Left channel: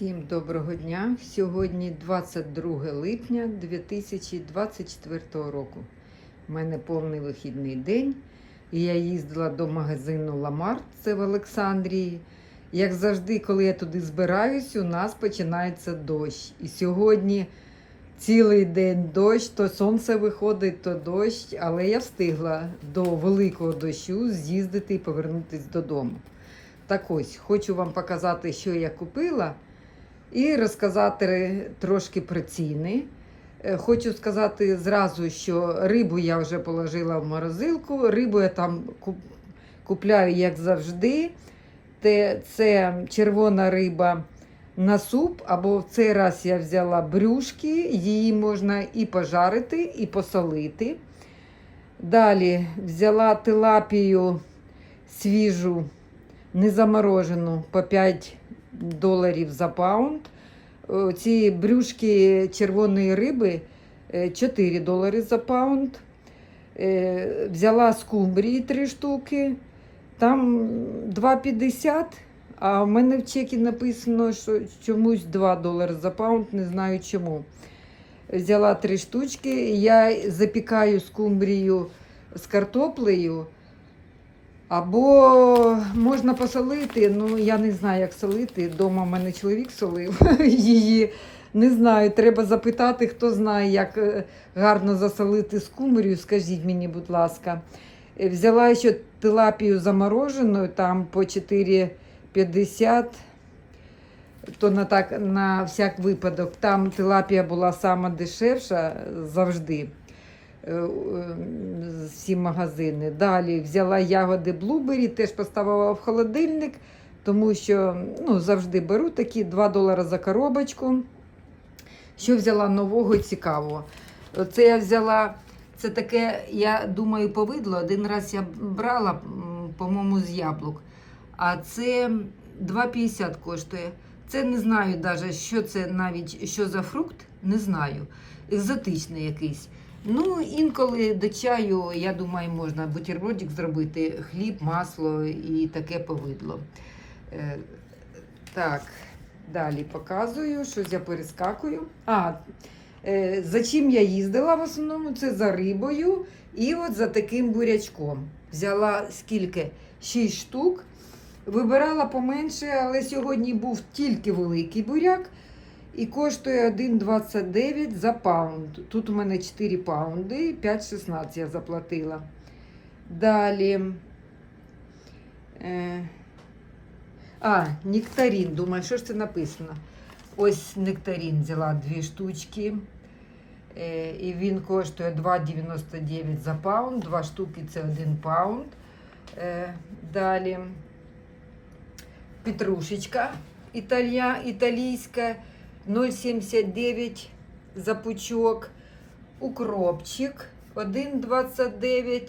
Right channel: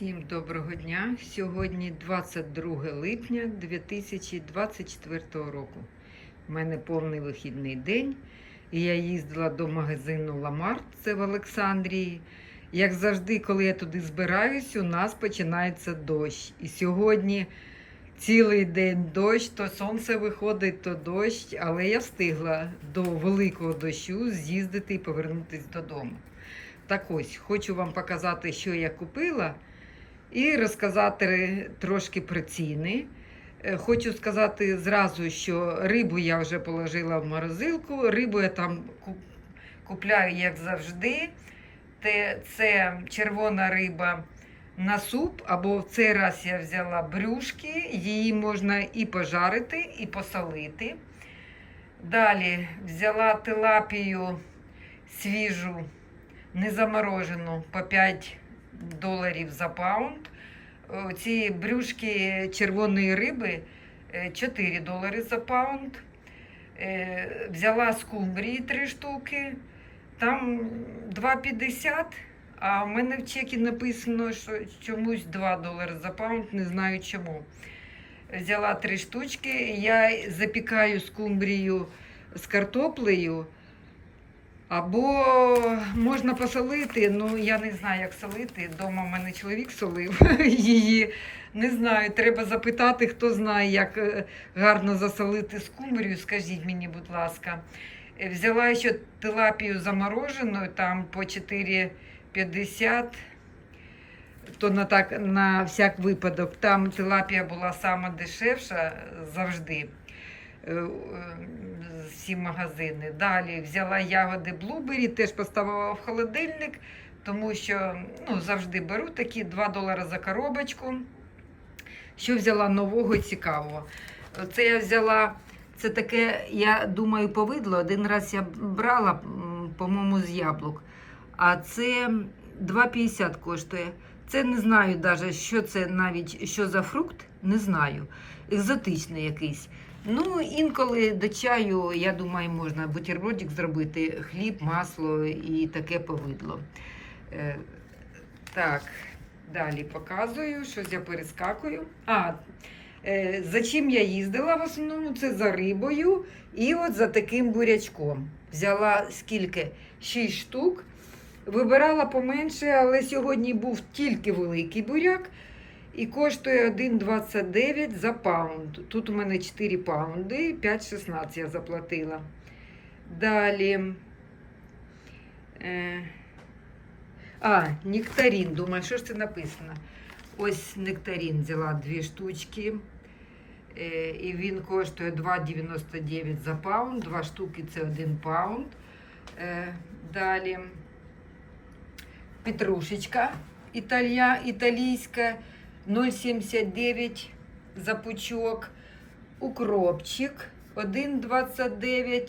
Всім доброго дня. Сьогодні 22 липня 2024 року. У мене повний вихідний день. І я їздила до магазину Ламарт, це в Олександрії. Як завжди, коли я туди збираюсь, у нас починається дощ. І сьогодні цілий день дощ, то сонце виходить, то дощ, але я встигла до великого дощу з'їздити і повернутися додому. Так ось, хочу вам показати, що я купила, і розказати трошки про ціни. Е, Хочу сказати зразу, що рибу я вже положила в морозилку. Рибу я там купляю, як завжди. Це червона риба на суп, або в цей раз я взяла брюшки, її можна і пожарити, і посолити. Далі взяла тилапію свіжу не заморожену по 5 доларів за паунд. Ці брюшки червоної риби е, 4 долари за паунд. Е, Взяла скумбрії 3 штуки. Там 2,50, а в мене в чекі написано, що чомусь 2 долари за паунд, не знаю чому. Взяла 3 штучки. Я запікаю скумбрію з картоплею. Або можна посолити, ну я не знаю, як солити. Дома в мене чоловік солив її. Не знаю, треба запитати, хто знає, як е, гарно засолити скумбрію. Скажіть мені, будь ласка. Е, Взяла ще тилапію заморожену, там по 4,50. То на, так, на всяк випадок. Там тилапія була сама дешевша завжди всі магазини. Далі взяла ягоди блубері, теж поставила в холодильник, тому що ну, завжди беру такі 2 долари за коробочку. Що взяла нового і цікавого? Це я взяла, це таке, я думаю, повидло. Один раз я брала, по-моєму, з яблук. А це 2,50 коштує. Це не знаю навіть, що це навіть що за фрукт, не знаю. Екзотичний якийсь. Ну, інколи до чаю, я думаю, можна бутербродик зробити, хліб, масло і таке повидло. Е, так, далі показую, щось я перескакую. А, е, за чим я їздила в основному? Це за рибою і от за таким бурячком. Взяла скільки? 6 штук. Вибирала поменше, але сьогодні був тільки великий буряк і коштує 1,29 за паунд. Тут у мене 4 паунди, 5,16 я заплатила. Далі. Е, а, нектарин. Думаю, що ж це написано? Ось нектарин взяла дві штучки. Е, і він коштує 2,99 за паунд. Два штуки це 1 паунд. Е, далі петрушечка італія, італійська 0,79 за пучок. Укропчик 1,29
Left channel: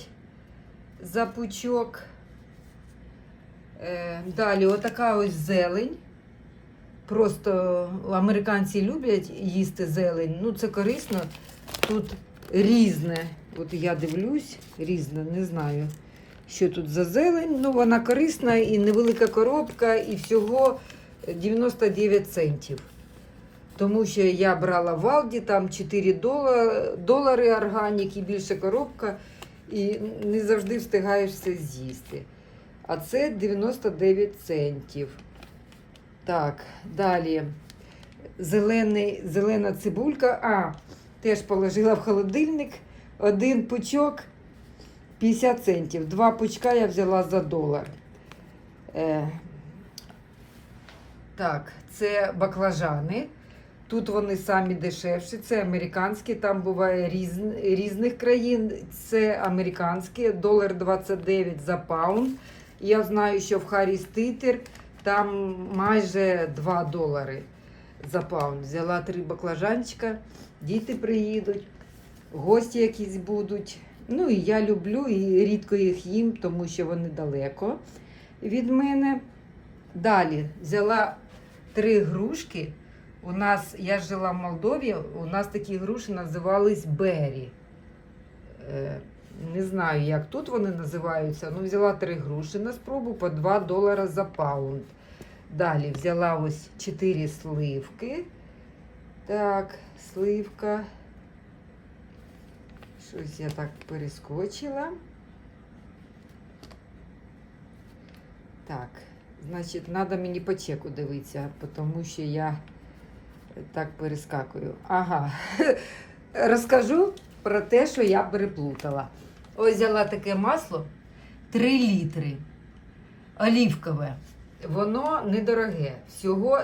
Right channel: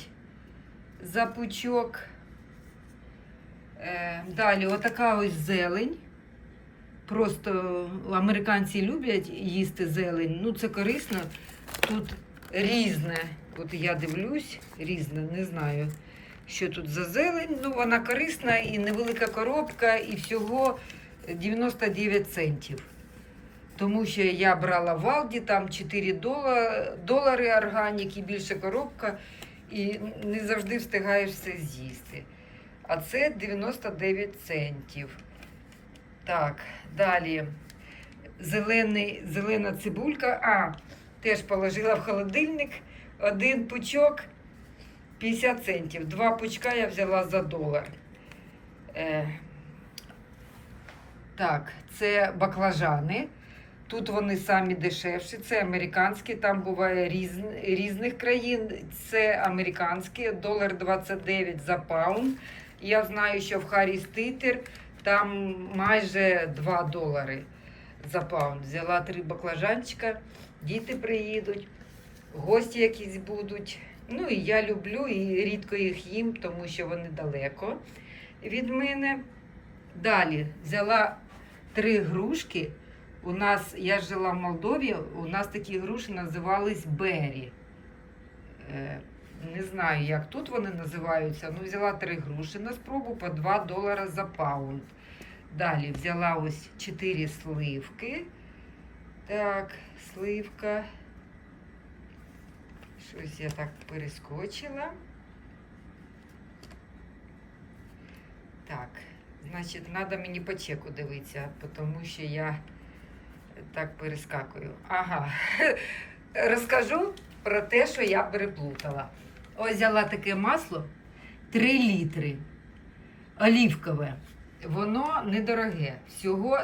за пучок. Далі отака ось зелень. Просто американці люблять їсти зелень. Ну, це корисно. Тут різне. От я дивлюсь, різне, не знаю, що тут за зелень. Ну, вона корисна і невелика коробка, і всього 99 центів. Тому що я брала в Алді, там 4 дола- долари органік і більше коробка, і не завжди встигаєш все з'їсти. А це 99 центів. Так, далі. Зелений, зелена цибулька. А, теж положила в холодильник. Один пучок 50 центів. Два пучка я взяла за долар. Е, так, це баклажани. Тут вони самі дешевші, це американські, там буває різ, різних країн. Це американські, долар 29 за паунд. Я знаю, що в Харрі Ститер там майже 2 долари за паунд. Взяла три баклажанчика, діти приїдуть, гості якісь будуть. Ну і я люблю і рідко їх їм, тому що вони далеко від мене. Далі взяла три грушки. У нас, я жила в Молдові, у нас такі груші називались Бері. Е, не знаю, як тут вони називаються. Ну, взяла три груші на спробу по 2 долари за паунд. Далі взяла ось 4 сливки. Так, сливка. Щось я так перескочила. Так, значить, треба мені по чеку дивитися, тому що я так перескакую. Ага. Розкажу про те, що я переплутала. Ось взяла таке масло 3 літри. Олівкове. Воно недороге. Всього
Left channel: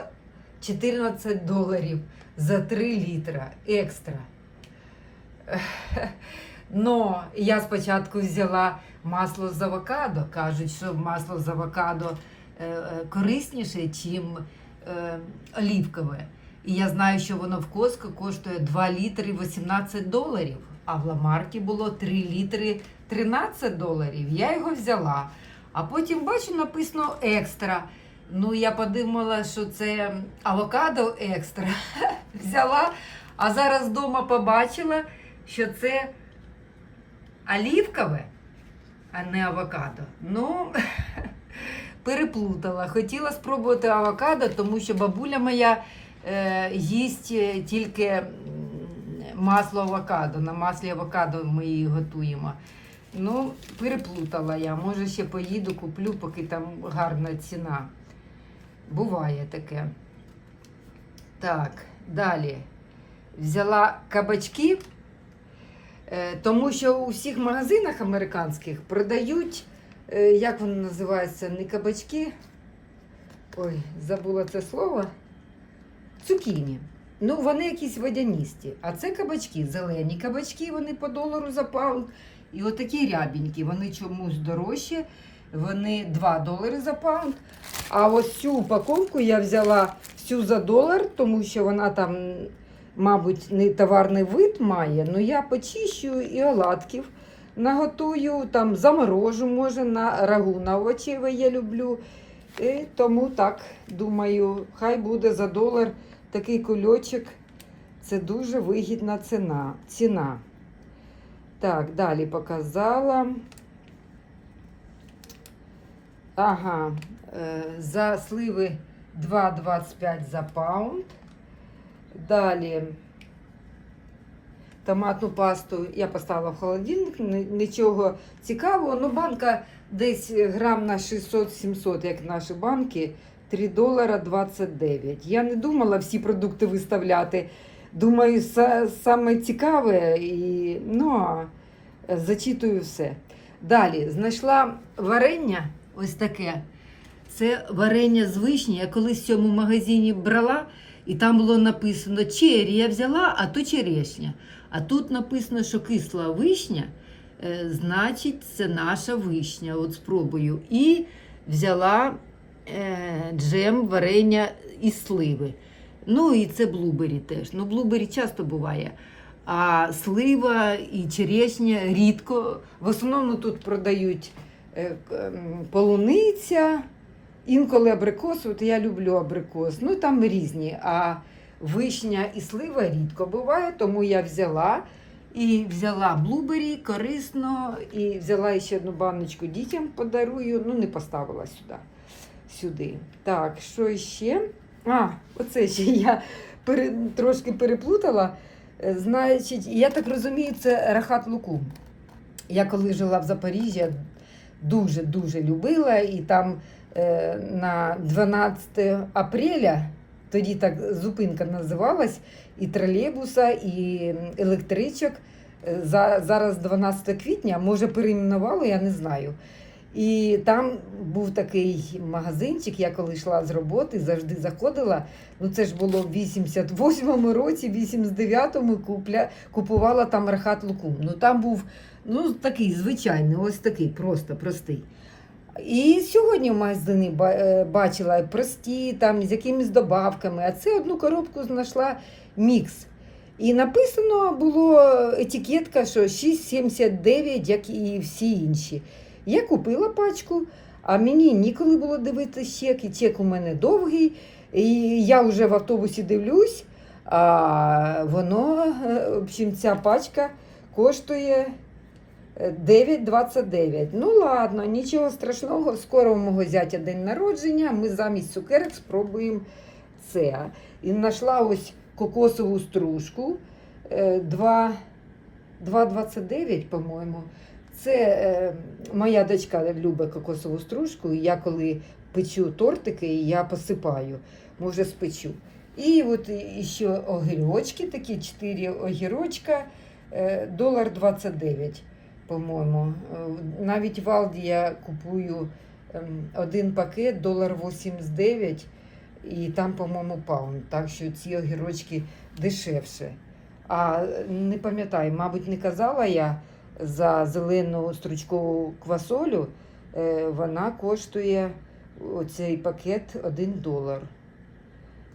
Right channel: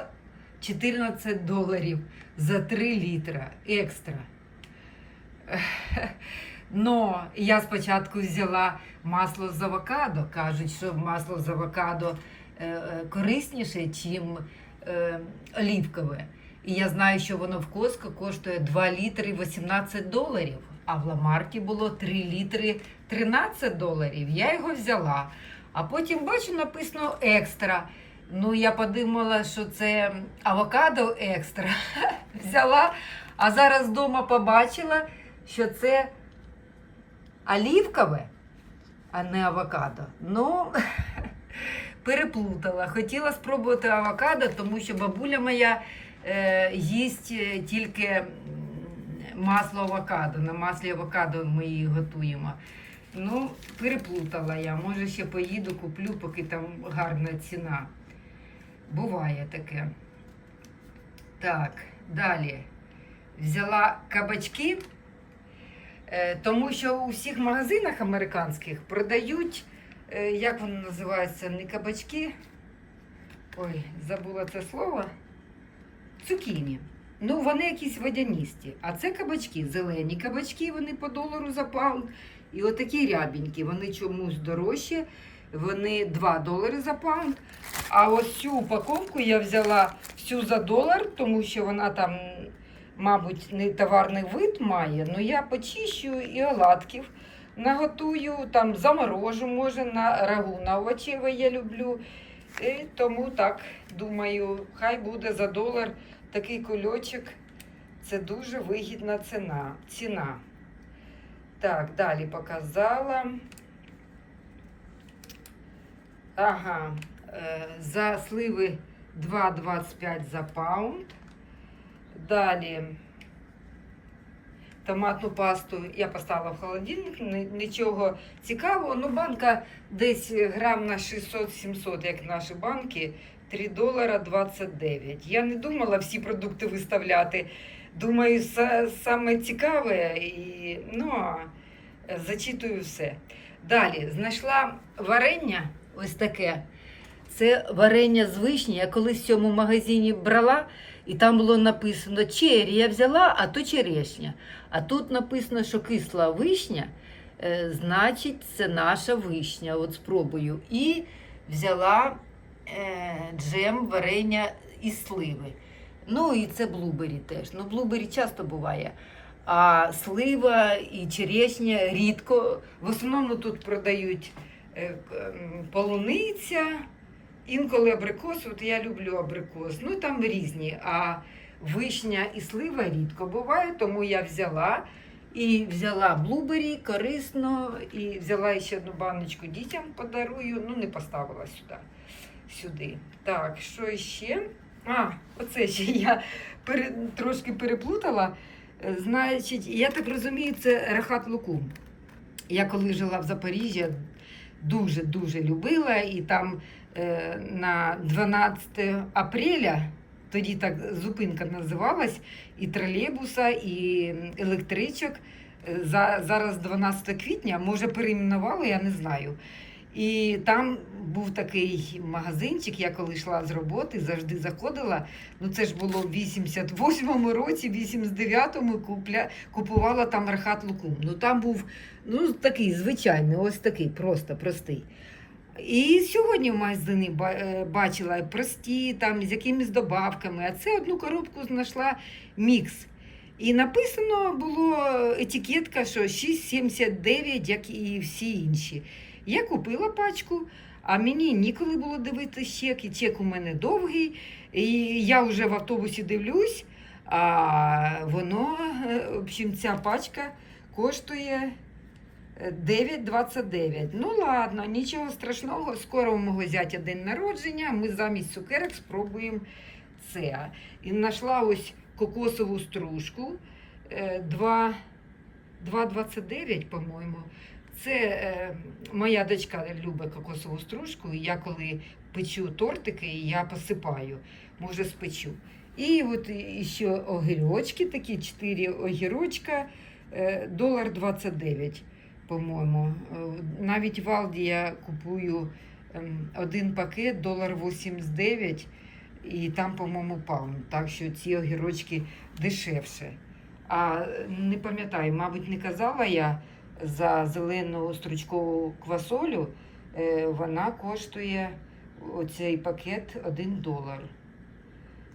14 доларів за 3 літра екстра. Но я спочатку взяла масло з авокадо. Кажуть, що масло з авокадо е, е, корисніше, ніж е, олівкове. І я знаю, що воно в Коско коштує 2 літри 18 доларів, а в Ламарті було 3 літри 13 доларів. Я його взяла. А потім бачу, написано екстра. Ну, я подумала, що це авокадо екстра. Взяла, а зараз вдома побачила, що це олівкове, а не авокадо. Ну, переплутала. Хотіла спробувати авокадо, тому що бабуля моя їсть е, тільки масло авокадо. На маслі авокадо ми її готуємо. Ну, переплутала я. Може, ще поїду, куплю, поки там гарна ціна. Буває таке. Так, далі. Взяла кабачки, е, тому що у всіх магазинах американських продають, е, як вони називаються, не кабачки. Ой, забула це слово. Цукіні. Ну, вони якісь водяністі. А це кабачки, зелені кабачки, вони по долару за паунд. І отакі рябенькі, вони чомусь дорожчі. Вони 2 долари за паунд. А ось цю упаковку я взяла всю за долар, тому що вона там, мабуть, не товарний вид має. Ну я почищу і оладків наготую, там заморожу, може, на рагу на овочеве я люблю. І тому так думаю, хай буде за долар такий кульочок. Це дуже вигідна ціна. ціна. Так, далі показала. Ага, е, за сливи 2,25 за паунд. Далі томатну пасту я поставила в холодильник, нічого цікавого. Ну, банка десь грам на 600-700, як наші банки, 3 долара 29. Я не думала всі продукти виставляти. Думаю, са- саме цікаве і ну, а, зачитую все. Далі знайшла варення ось таке. Це варення з вишні. Я колись в цьому магазині брала, і там було написано чері. Я взяла, а то черешня. А тут написано, що кисла вишня, е, значить, це наша вишня. От спробую. І взяла е, джем варення із сливи. Ну і це блубері теж. Ну, блубері часто буває. А слива і черешня рідко. В основному тут продають е, полуниця, інколи абрикос. От я люблю абрикос. Ну там різні. А вишня і слива рідко буває, тому я взяла. І взяла блубері корисно, і взяла ще одну баночку дітям подарую. Ну, не поставила сюди. сюди. Так, що ще? А, оце ще я пере, трошки переплутала. Е, Значить, я так розумію, це рахат лукум. Я коли жила в Запоріжжі, дуже-дуже любила, і там е, на 12 апреля, тоді так зупинка називалась, і тролейбуса, і електричок. Е, За, зараз 12 квітня, може перейменували, я не знаю. І там був такий магазинчик, я коли йшла з роботи, завжди заходила. Ну це ж було в 88-му році, 89-му купля, купувала там рахат лукум. Ну там був ну, такий звичайний, ось такий, просто простий. І сьогодні в магазині е, бачила прості, там з якимись добавками, а це одну коробку знайшла мікс. І написано було етикетка, що 6,79, як і всі інші. Я купила пачку, а мені ніколи було дивитися чек, і чек у мене довгий. І я вже в автобусі дивлюсь, а воно, е, в общем, ця пачка коштує Е, 9,29. Ну ладно, нічого страшного. Скоро у мого зятя день народження. Ми замість цукерок спробуємо це. І знайшла ось кокосову стружку. е, 2,29, по-моєму. Це е, моя дочка любить кокосову стружку, і я коли печу тортики, я посипаю, може спечу. І от ще огірочки, такі 4 огірочка, е, долар 29, по-моєму. Навіть в Алді я купую ем, один пакет, долар 89, і там, по-моєму, паунд. Так що ці огірочки дешевше. А не пам'ятаю, мабуть, не казала я за зелену стручкову квасолю, е, вона коштує оцей пакет 1 долар.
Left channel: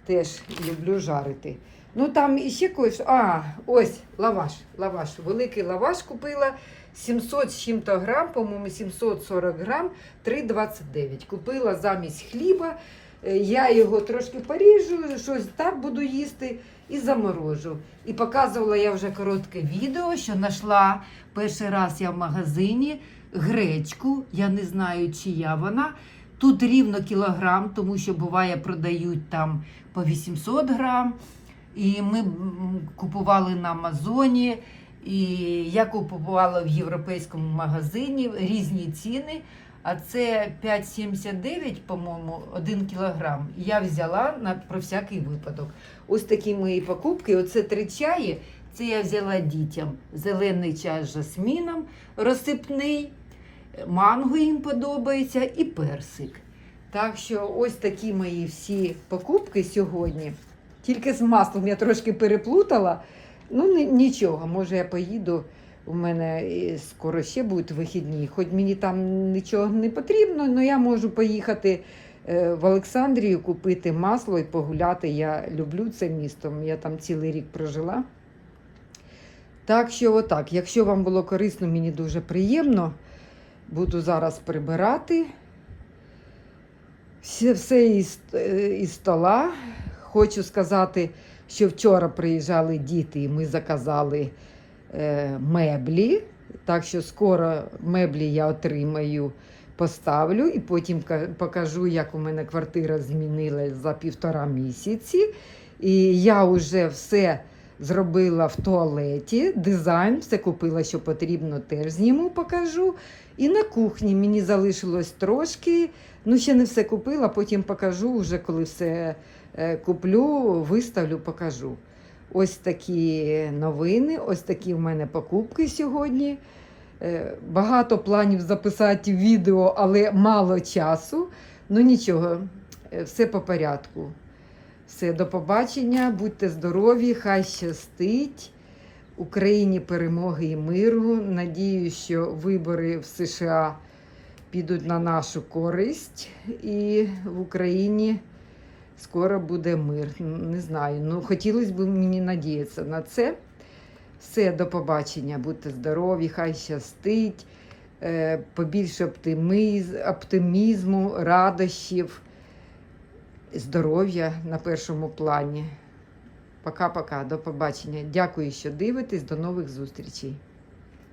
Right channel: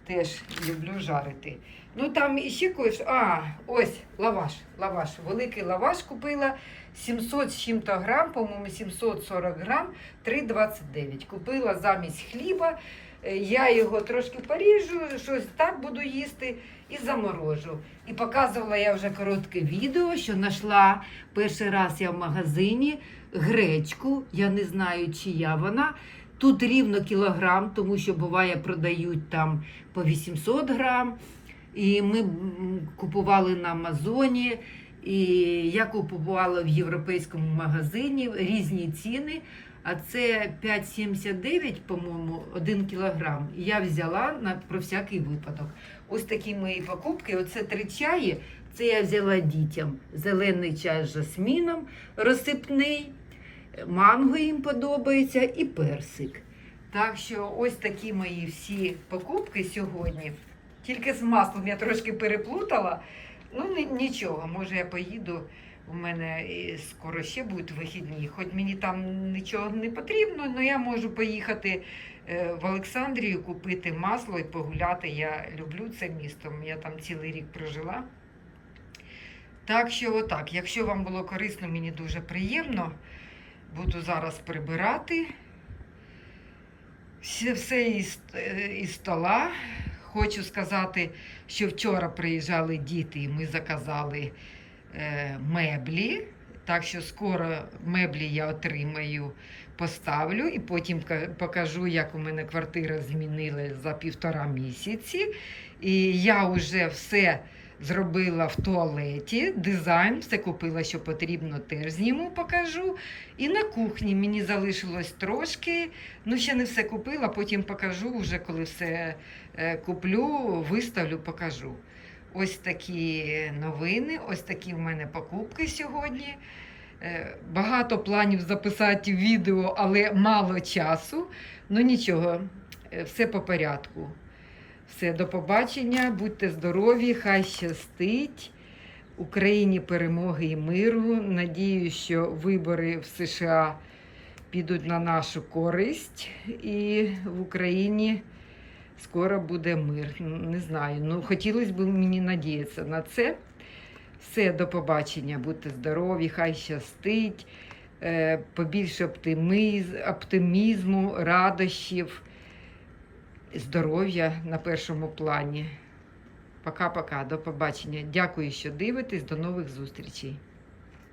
Теж люблю жарити. Ну там іще кое-що. А, ось лаваш. Лаваш. Великий лаваш купила 700 з чим-то грам, по-моєму, 740 грам, 3,29. Купила замість хліба. Е, Я його трошки поріжу, щось так буду їсти і заморожу. І показувала я вже коротке відео, що знайшла перший раз я в магазині гречку. Я не знаю, чия вона. Тут рівно кілограм, тому що буває продають там по 800 грам. І ми купували на Амазоні. І я купувала в європейському магазині різні ціни. А це 5,79, по-моєму, 1 кілограм. Я взяла на про всякий випадок. Ось такі мої покупки. Оце три чаї. Це я взяла дітям. Зелений чай з жасміном, розсипний, манго їм подобається і персик. Так що ось такі мої всі покупки сьогодні. Тільки з маслом я трошки переплутала. Ну, нічого, може я поїду. У мене скоро ще будуть вихідні. Хоч мені там нічого не потрібно, але я можу поїхати е, в Олександрію, купити масло і погуляти. Я люблю це місто. Я там цілий рік прожила. Так що, отак, якщо вам було корисно, мені дуже приємно. Буду зараз прибирати все, все із, е, із стола. Хочу сказати, що вчора приїжджали діти, і ми заказали меблі. Так що скоро меблі я отримаю, поставлю і потім покажу, як у мене квартира змінилась за півтора місяці. І я вже все зробила в туалеті, дизайн, все купила, що потрібно, теж зніму, покажу. І на кухні мені залишилось трошки. Ну, ще не все купила, потім покажу, вже коли все е, куплю, виставлю, покажу. Ось такі новини, ось такі в мене покупки сьогодні. Е, Багато планів записати відео, але мало часу. Ну нічого, е, все по порядку. Все, до побачення, будьте здорові, хай щастить. Україні перемоги і миру. Надію, що вибори в США підуть на нашу користь, і в Україні скоро буде мир. Не знаю. Ну, хотілося б мені надіятися на це. Все, до побачення, будьте здорові, хай щастить, е, побільше оптиміз, оптимізму, радощів, здоров'я на першому плані. Пока-пока, до побачення. Дякую, що дивитесь. До нових зустрічей.